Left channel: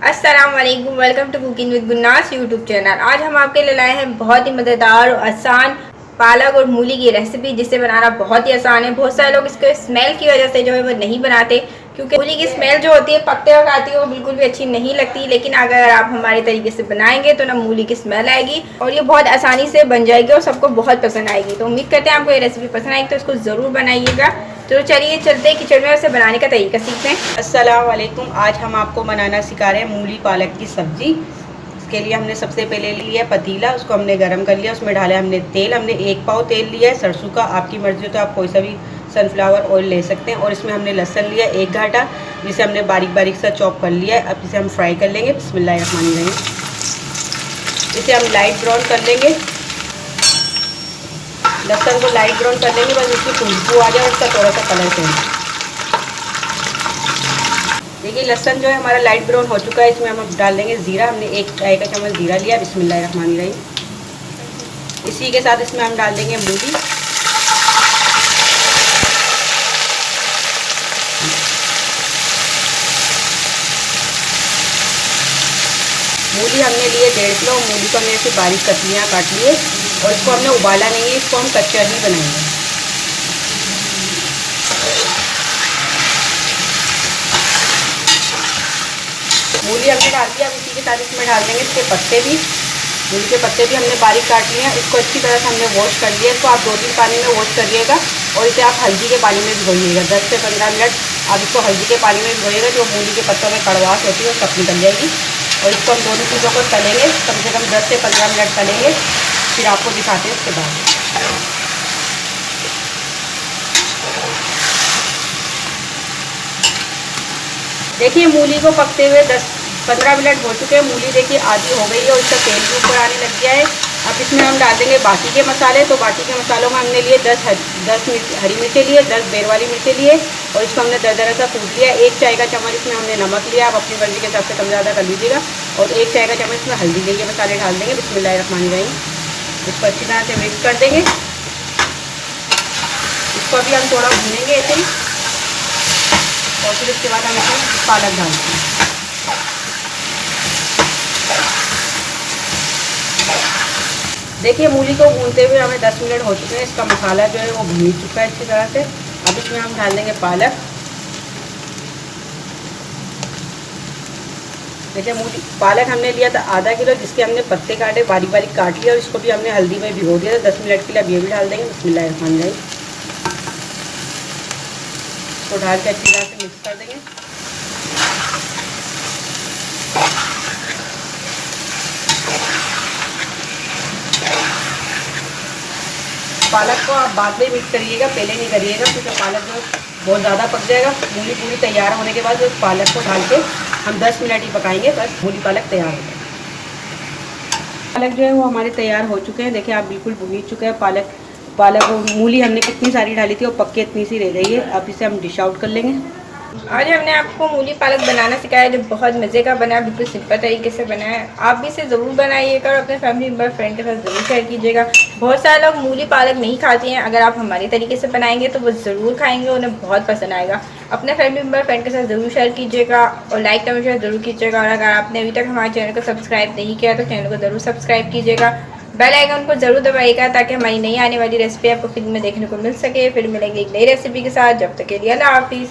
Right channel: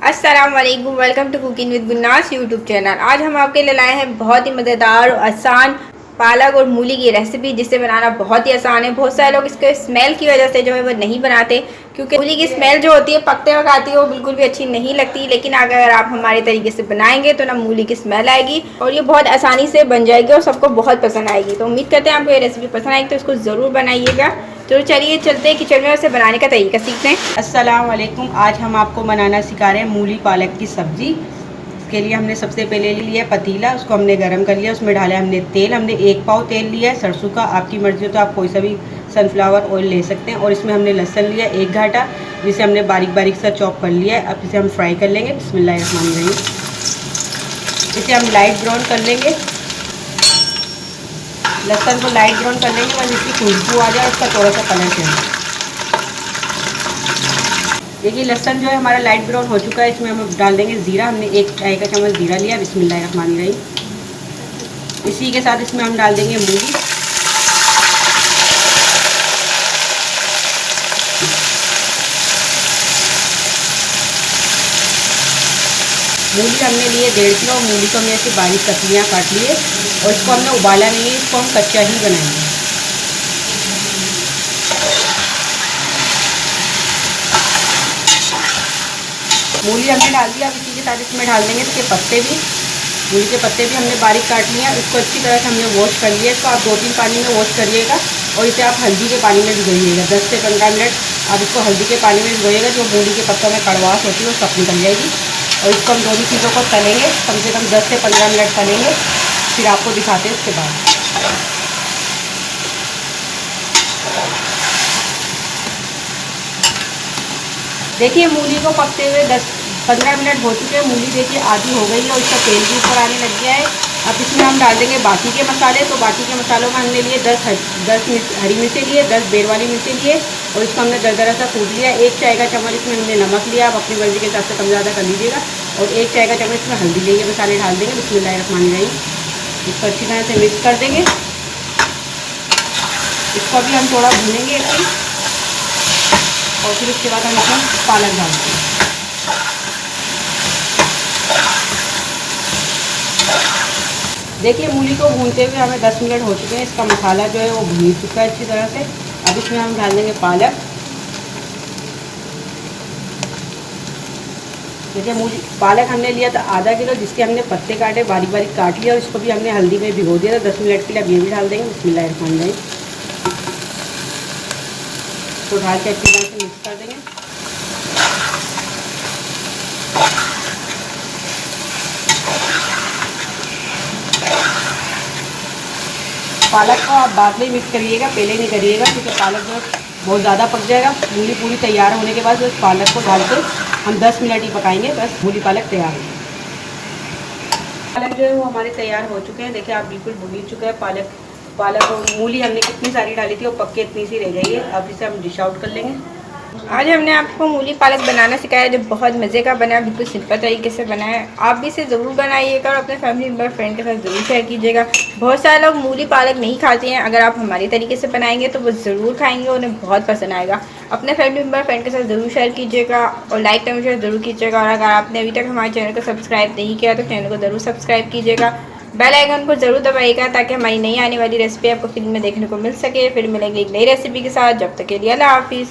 अस्सलाम वालेकुम, welcome to cooking with Gunnas YouTube channel. आज हम आपके लिए लाए हैं बहुत ही मज़ेदार और आसान पालक और मूली की रेसिपी, जिसे बनाना बहुत ही आसान है। बहुत सारे लोग इसके स्मेल की वजह से जो है वो नहीं बनाते, क्योंकि मूली की स्मेल जो होती है पकते वक्त आती है, वो बिल्कुल भी अच्छी नहीं लगती। लेकिन अगर आप हमारे तरीके से बनाएंगे तो ना मूली की स्मेल आएगी और ये बहुत आसानी से बन जाएगी और सबको बहुत पसंद आएगी। तो उम्मीद करते हैं आपको ये रेसिपी पसंद आएगी, तो इसको ज़रूर बनाइएगा। तो चलिए चलते हैं किचन में, उसे बनाने का तरीका सीखते हैं। अस्सलाम वालेकुम। आज हम आपको बनाना सिखा रहे हैं मूली पालक की सब्ज़ी। इसके लिए हमने सबसे पहले लिया पतीला, उसको हमने गर्म कर लिया। उसमें डाला हमने तेल, हमने 1 पाव तेल लिया है सरसों का। आपकी मर्ज़ी हो तो आप कोई सा भी सनफ्लावर ऑयल ले सकते हैं। और इसमें हमने लहसुन लिया 1 घाटा, जिसे हमने बारीक बारीक सा चॉप कर लिया है। अब इसे हम फ्राई कर लेंगे। बिस्मिल्लाहिर्रहमानिर्रहीम। इसे हम लाइट ब्राउन कर लेंगे। लहसुन को लाइट ब्राउन कर लेंगे, बस इसकी खुशबू आ जाए, इसका थोड़ा सा कलर चेंज। देखिए लहसुन जो है हमारा लाइट ब्राउन हो चुका है। इसमें हम डाल देंगे ज़ीरा। हमने 1 चाय का चम्मच ज़ीरा लिया। बिस्मिल्लाहिर्रहमानिर्रहीम। इसी के साथ इसमें हम डाल देंगे मूली। मूली हमने लिए 1.5 किलो। मूली को हमने ऐसे बारीक कतलियाँ काट लिए और इसको हमने उबाला नहीं है, इसको हम कच्चा ही बनाएंगे। मूली हमने डाल दिया। इसी के साथ इसमें डाल देंगे इसके पत्ते भी। मूली के पत्ते भी हमने बारीक काट लिया। इसको अच्छी तरह से हमने वॉश कर लिया। इसको आप 2-3 पानी में वॉश करिएगा और इसे आप हल्दी के पानी में भिगोइएगा। 10 से 15 मिनट आप इसको हल्दी के पानी में भिगोइएगा। जो मूली के पत्तों में कड़वाहट होती है वो सब निकल जाएगी। और इसको हम दोनों चीज़ों को तलेंगे, कम से कम 10 से 15 मिनट तलेंगे। फिर आपको दिखाते हैं इसके बाद। देखिए मूली को पकते हुए 10-15 मिनट हो चुके हैं। मूली देखिए आधी हो गई है और इसका तेल भी ऊपर आने लग गया है। अब इसमें हम डाल देंगे बाकी के मसाले। तो बाकी के मसालों में हमने लिए 10 हरी मिर्चें लिए, 10 बेर वाली मिर्चें लिए और इसको हमने दरदरा सा कूट लिया। 1 चाय का चम्मच इसमें हमने नमक लिया। आप अपनी मर्जी के हिसाब से कम ज़्यादा कर लीजिएगा। और 1 चाय का चम्मच इसमें हल्दी लेंगे, मसाले डाल देंगे। बिस्मिल्लाहिर्रहमानिर्रहीम। इसको अच्छी तरह से मिक्स कर देंगे। इसको अभी हम थोड़ा भूनेंगे ऐसे ही और फिर उसके बाद हम इसमें पालक डालते हैं। देखिए मूली को भूनते हुए हमें 10 मिनट हो चुके हैं। इसका मसाला जो है वो भून चुका है अच्छी तरह से। अब इसमें हम डाल देंगे पालक। जैसे मूली पालक हमने लिया था आधा किलो, जिसके हमने पत्ते काटे बारीक बारीक काट लिया और इसको भी हमने हल्दी में भिगो दिया था 10 मिनट के लिए। अब ये भी डाल देंगे। बिस्मिल्लाहिर्रहमानिर्रहीम। तो डाल के अच्छी तरह से मिक्स कर देंगे। पालक को आप बाद में मिक्स करिएगा, पहले नहीं करिएगा, क्योंकि पालक जो बहुत ज़्यादा पक जाएगा। मूली पूरी तैयार होने के बाद उस पालक को डाल के हम 10 मिनट ही पकाएंगे, बस मूली पालक तैयार हो जाए। पालक जो है वो हमारे तैयार हो चुके हैं। देखिए आप बिल्कुल भून चुके हैं पालक और मूली हमने कितनी सारी डाली थी और पक के इतनी सी रह गई है। अब इसे हम डिश आउट कर लेंगे। आज हमने आपको मूली पालक बनाना सिखाया, जो बहुत मज़े का बना है, बिल्कुल सिंपल तरीके से बना है। आप भी इसे ज़रूर बनाइएगा और अपने फैमिली मेम्बर फ्रेंड के साथ ज़रूर शेयर कीजिएगा। बहुत सारे लोग मूली पालक नहीं खाते हैं, अगर आप हमारे तरीके से बनाएंगे तो वो ज़रूर खाएंगे, उन्हें बहुत पसंद आएगा। अपने फैमिली मेम्बर फ्रेंड के साथ ज़रूर शेयर कीजिएगा और लाइक कमेंट शेयर ज़रूर कीजिएगा। और अगर आपने अभी तक हमारे चैनल को सब्सक्राइब नहीं किया तो चैनल को ज़रूर सब्सक्राइब कीजिएगा। बेल आइकन को ज़रूर दबाइएगा ताकि हमारी नई आने वाली रेसिपी आपको फिल्म में देखने को मिल सके। फिर मिलेंगे एक नई रेसिपी के साथ। जब तक के लिए अल्लाह हाफिज़।